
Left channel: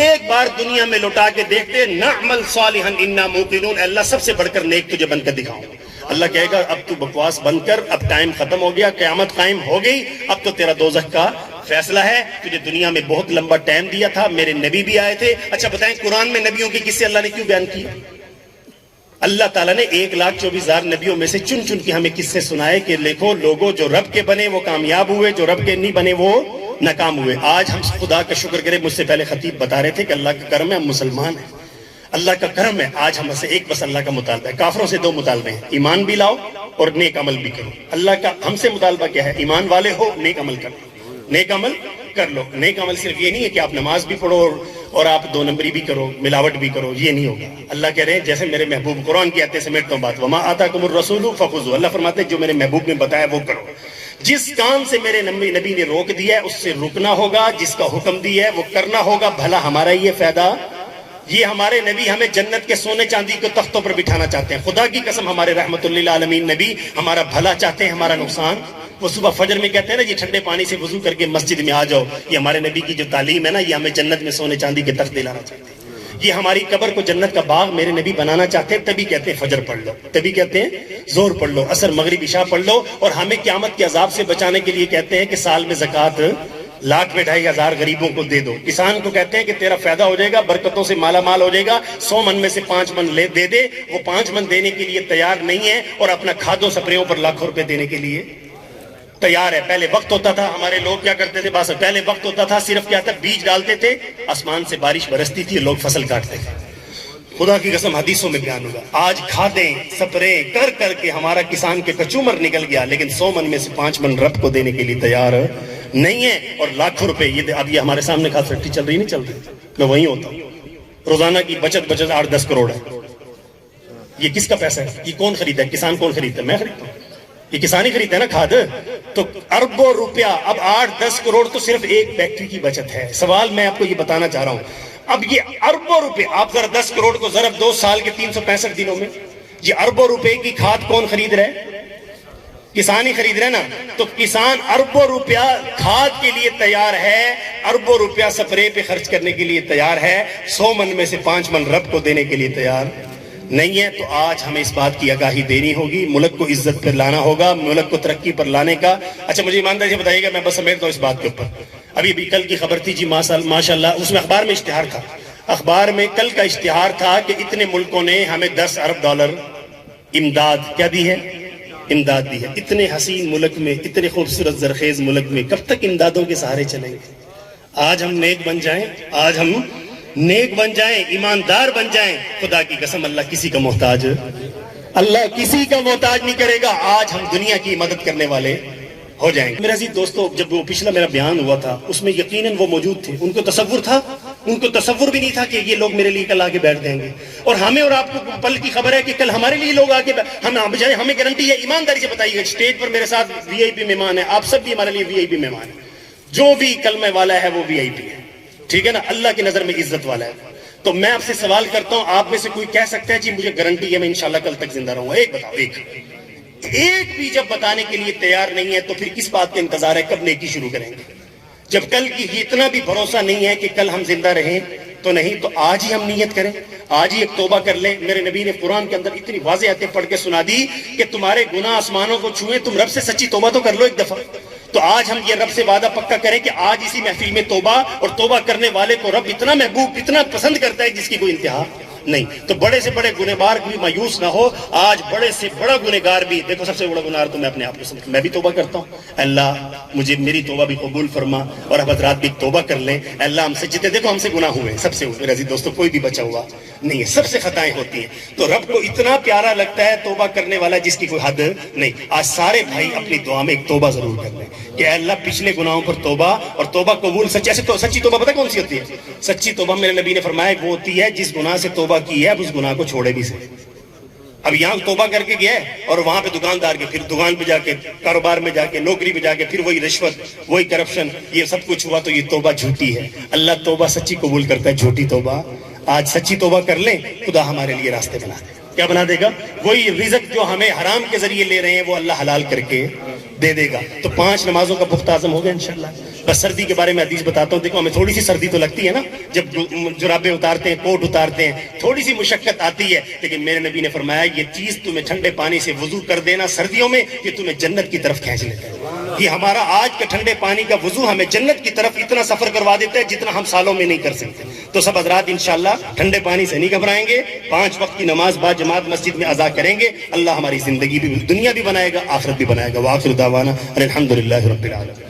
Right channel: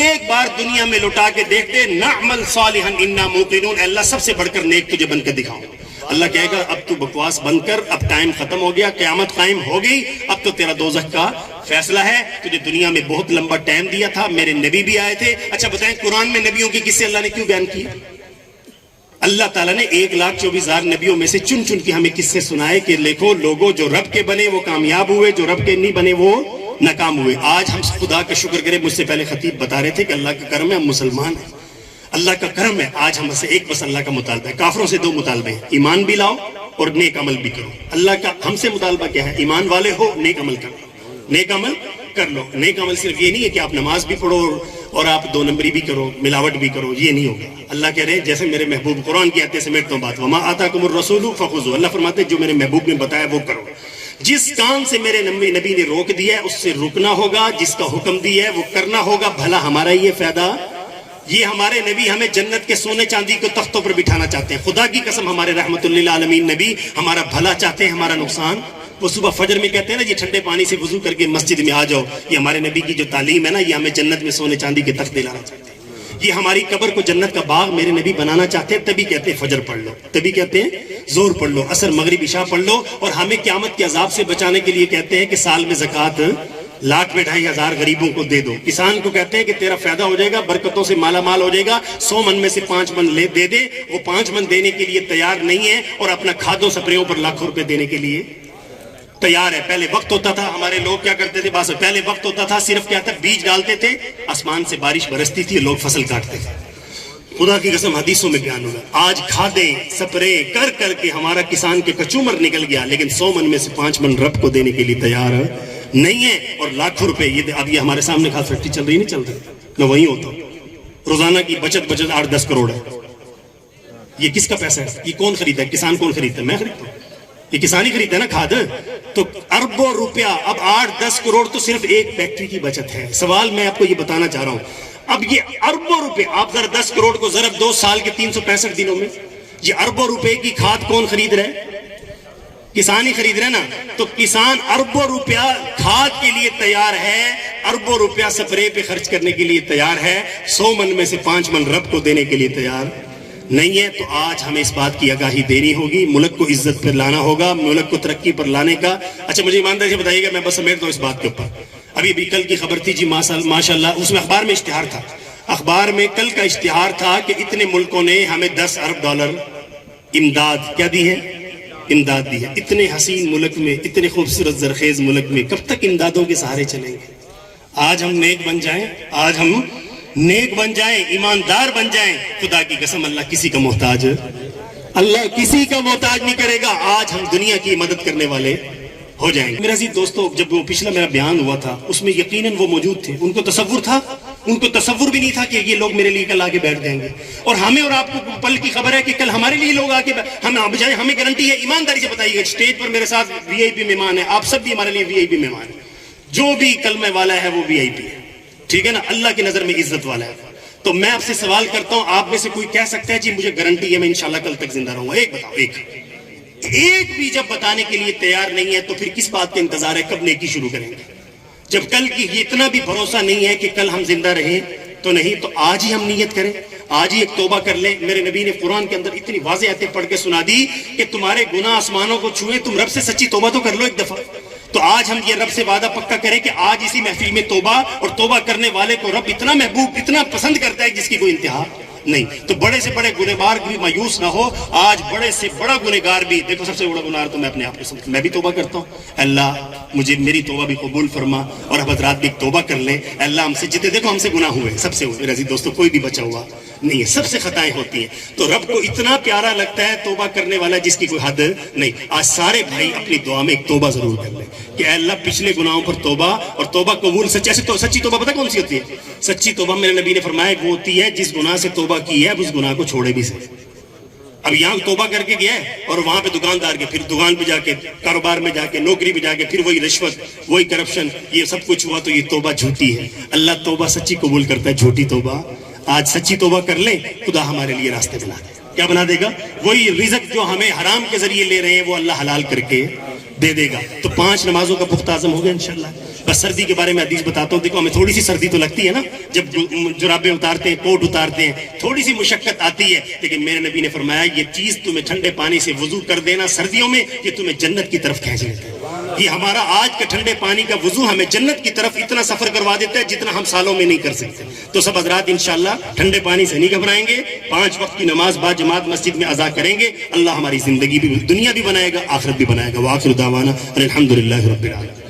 ایک بار دنیا میں لوٹا کے دیکھتے، نعمل صالحا انا موقنون، اے اللہ سب سے بڑھ کر نیک تجھے بن کر دکھاؤں. اللہ کہے گا اب تو بکواس بند کر، اب ٹائم ختم ہو گیا، قیامت قائم ہو گئی، اب تو تیرا دوزخ کا فیصلہ ہے. تجھے دنیا میں بہت لمبا ٹائم دیا تھا، میرے نبی بھی آئے تھے. اچھا بتائیں قرآن میں نبیوں کی قصے اللہ نے کیوں بیان کی؟ اللہ تعالیٰ نے 1,24,000 نبیوں میں سے چن چن کے ہمیں قصے سنائے کہ دیکھو لوگوں جو رب کے بنے وہ کامیاب ہوئے، جو رب کے نہیں بنے وہ ناکام ہوئے. آج ہم خدا کا شکر کریں، مجھ سے پہلے خطیب بتا رہے تھے کہ اللہ کا کرم ہے، ہم مسلمان ہیں، اللہ کا کرم ہے. آج ہم سے ایک بس اللہ کا مطالبہ ہے. کافروں سے 2 مطالبے ہیں، ایمان بھی لاؤ اور نیک عمل بھی کرو. اللہ کا ہم سے مطالبہ کیا ہے؟ ایمان والے ہو، نیک عمل کرو، نیک عمل کر لو. نیک عمل صرف یہ نہیں ہے کہ آپ نماز بھی پڑھو اور آپ 2 نمبری بھی کرو، ملاوٹ بھی کرو، یہ نہیں ہوگا. اللہ کہہ رہے ہیں جیسے میرے محبوب قرآن کی آتے سمیٹتا ہوں بات، وما آتاکم الرسول فخذوہ، اللہ فرماتے ہیں جو میرے محبوب نے بتایا وہ کرو. جس کام سے میرے نبی نے روک دیا ہے اس سے رکنا ہوگا، جس کا حکم دیا ہے وہ کرنا ہوگا. بھلا ہمارا یہ فائدہ، یہ ہمارے نبی ہمیں جنت کے سونے چاندی کو تختوں پر بٹھانا چاہتے ہیں. خدا کی قسم ہمارے رحمت للعالمین نبی ہمارا بھلا چاہتے ہیں، ہمارا نقصان وہ صبح فجر میں کہتے ہیں نا یہ ٹھنڈے پانی سے وضو کر کے مسجد میں آ جاؤ، یہ ہمارے نبی کی جو تعلیم ہے نا، یہ ہمیں جنت میں سونے چاندی کے تخت دلانا چاہتے ہیں، یہ ہماری قبر کو جنت کا باغ میرے نبی بنانا چاہتے ہیں، تبھی کہتے ہیں فجر پڑھ لو، تبھی کہتے ہیں زور پڑھ لو، عصر مغرب عشاء پڑھ لو، اور ہمیں قیامت کے عذاب سے بچانے کے لیے کہتے ہیں کہ سال میں زکوٰۃ 1,00,000 غریبوں کو دے دو۔ کسان کو کہتے ہیں کہ تیرا فائدہ ہو جائے گا، برکتوں سے مالا مال ہو جائے گا، 100 من میں سے 5 من دے دے، وہ 5 من دینے کے لیے تیار نہیں ہے، اور اپنا کھادوں سپریوں پر لاکھوں روپے دینے کے لیے تیار ہے۔ پہلے وقت ہوتا تھا، ہمارے لوگ کیا کرتے تھے، بس پہلے وقت ہوتا تھا، صرف کیا تھا، بیج ڈالتے تھے، آسمان سے بارش برستی تھی، لوگ فصل کاٹتے تھے۔ خدا کی قسم حدیثوں میں بیان ہوگا، آج کھادیں سپرے کر کر کے ہمارا کسان کے کچومر نکل گیا، لیکن 100 من میں سے 5 من رب کو دینے کے لیے تیار نہیں ہے، اور لاکھوں روپے اب یہ ہمارے سامنے کھاد فیکٹری چل رہی نہیں چل رہی، میں وہیں ہوتا ہوں، روزانہ کی بچت 8-10 کروڑ ہے۔ یہ کس کا پیسہ ہے؟ یہ کون خریدا ہے؟ کسان کون خریدتا ہے؟ میں خریدتا ہوں، یہ کسان ہی خریدتا ہے نا کھاد۔ تو اربوں روپیہ، اب 8-10 کروڑ تو صرف ایک فیکٹری کی بچت ہے۔ سوال میں آپ کو یہ بتانا چاہ رہا ہوں، اب یہ اربوں روپے، آپ ذرا 10 کروڑ کو ضرب 2 سال کے 365 دنوں میں، یہ اربوں روپے کی کھاد کون خرید رہا ہے؟ کسان ہی خرید رہا ہے نا۔ تو کسان اربوں روپیہ کھاد کے لیے تیار ہے، اربوں روپیہ سپرے پہ خرچ کرنے کے لیے تیار ہے، 100 من میں سے 5 من رب کو دینے کے لیے تیار نہیں ہے۔ تو آج ہمیں اس بات کی آگاہی دینی ہوگی، ملک کو عزت پر لانا ہوگا، ملک کو ترقی پر لانے کا۔ اچھا مجھے ایمانداری سے بتائیے گا، میں بس سمیٹتا ہوں اس بات کے اوپر۔ ابھی کل کی خبر تھی جی، ماشاء اللہ، اس میں اخبار میں اشتہار تھا، اخبار میں کل کا اشتہار تھا کہ اتنے ملکوں نے ہمیں $10 ارب امداد کیا دی ہے، امداد دی ہے۔ اتنے حسین ملک میں، اتنے خوبصورت زرخیز ملک میں کب تک امدادوں کے سہارے چلیں گے؟ آج ہم نیک بن جائیں، آج ہم نیک بن جائیں، ایماندار بن جائیں، خدا کی قسم اللہ کسی کا محتاج، اللہ کسی کا محتاج نہیں کرے گا۔ آج ہم دنیا کی مدد کرنے والے ہو جائیں گے۔ میرے عزیز دوستو، جب وہ پچھلا میرا بیان ہوا تھا اس میں یقیناً وہ موجود تھے، ان کو تصور تھا، ان کو تصور بھی نہیں تھا کہ یہ لوگ میرے لیے کل آگے بیٹھ جائیں گے، اور ہمیں اور آپ کو پل کی خبر ہے کہ کل ہمارے لیے لوگ آگے ہمیں گارنٹی ہے۔ ایمانداری سے بتائیے گا، اسٹیج پر میرے ساتھ VIP مہمان ہیں، آپ سب بھی ہمارے لیے VIP مہمان ہیں، جو بھی کلمہ والا ہے وہ VIP ہے، ٹھیک ہے نا، اللہ کی نظر میں عزت والا ہے۔ تو میں آپ سے سوال کرتا ہوں، آپ میں سے کوئی کہہ سکتا ہے جی مجھے گارنٹی ہے میں انشاءاللہ کل تک زندہ رہوں گا؟ ایک بتاؤ، ایک بھی جب بتانے کے لیے تیار نہیں ہے تو پھر کس بات کا انتظار ہے، کب نیکی شروع کریں گے؟ جب کل کی اتنا بھی بھروسہ نہیں ہے کہ کل ہم زندہ رہیں تو نہیں، تو آج ہی ہم نیت کریں، آج ہی ایک توبہ کر لیں۔ میرے نبی نے قرآن کے اندر اتنی واضح آیتیں پڑھ کے سنا دی کہ تمہارے گناہ آسمانوں کو چھوئیں، تم رب سے سچی توبہ تو کر لو ایک دفعہ۔ تو آج ہم یہ رب سے وعدہ پکا کریں کہ آج اسی محفل میں توبہ، اور توبہ کرنے والے کو رب اتنا محبوب، اتنا پسند کرتا ہے جس کی کوئی انتہا نہیں۔ تو بڑے سے بڑے گنہگار بھی مایوس نہ ہو، آج بڑے سے بڑا گنہگار بھی، دیکھو سب سے بڑا گنہگار تو میں اپنے آپ کو سمجھتا ہوں، میں بھی توبہ کرتا ہوں، اللہ مجھے میری توبہ بھی قبول فرما، اور اب حضرات بھی توبہ کر لیں۔ اللہ ہم سے جتنے، دیکھو ہم سے گناہ ہوئے ہیں، سب سے میرے عزیز دوستو کوئی بھی بچا ہوا نہیں ہے، سب سے خطائیں ہوتی ہیں، تو رب کو اتنا پیارا لگتا ہے توبہ کرنے والا جس کی کوئی حد نہیں۔ آج سارے بھائی اپنی دعا میں ایک توبہ ضرور کر لیں کہ اے اللہ پچھلے گناہوں پر توبہ، اور توبہ قبول سچی توبہ پتہ کون سی ہوتی ہے؟ سچی توبہ میرے نبی نے فرمایا وہ ہوتی ہے جس گناہ سے توبہ کی ہے اب اس گناہ کو چھوڑے بھی سے۔ اب یہاں توبہ کر کے گیا ہے اور وہاں پہ دکاندار کے، پھر دکان پہ جا کے، کاروبار میں جا کے، نوکری پہ جا کے، پھر وہی رشوت، وہی کرپشن، یہ سب کچھ ہوا، تو یہ توبہ جھوٹی ہے۔ اللہ توبہ سچی قبول کرتا ہے، جھوٹی توبہ آج سچی توبہ کر لیں، خدا ہمارے لیے راستے بنا دے۔ کیا بنا دے گا؟ وہی رزق جو ہمیں حرام کے ذریعے لے رہے ہیں وہ اللہ حلال کر کے دے دے گا۔ تو 5 نمازوں کا پختہ عزم ہوگا انشاءاللہ۔ بس سردی کے بارے میں حدیث بتاتا ہوں، دیکھو ہمیں تھوڑی سی سردی تو لگتی ہے نا، جب جرابیں اتارتے ہیں، کوٹ اتارتے ہیں، تھوڑی سی مشقت آتی ہے، لیکن میرے نبی نے فرمایا یہ چیز تمہیں ٹھنڈے پانی سے وضو کر دینا سردیوں میں، یہ تمہیں جنت کی طرف کھینچ لیتا ہے۔ یہ ہمارا آج کا ٹھنڈے پانی کا وضو ہمیں جنت کی طرف اتنا سفر کروا دیتا ہے جتنا ہم سالوں میں نہیں کر سکتے۔ تو سب حضرات انشاءاللہ ٹھنڈے پانی سے نہیں گھبرائیں گے، 5 وقت کی نماز با جماعت مسجد میں ادا کریں گے، اللہ ہماری زندگی بھی، دنیا بھی بنائے گا، آخرت بھی بنائے گا۔ وآخر دعوانا الحمدللہ رب العالمین۔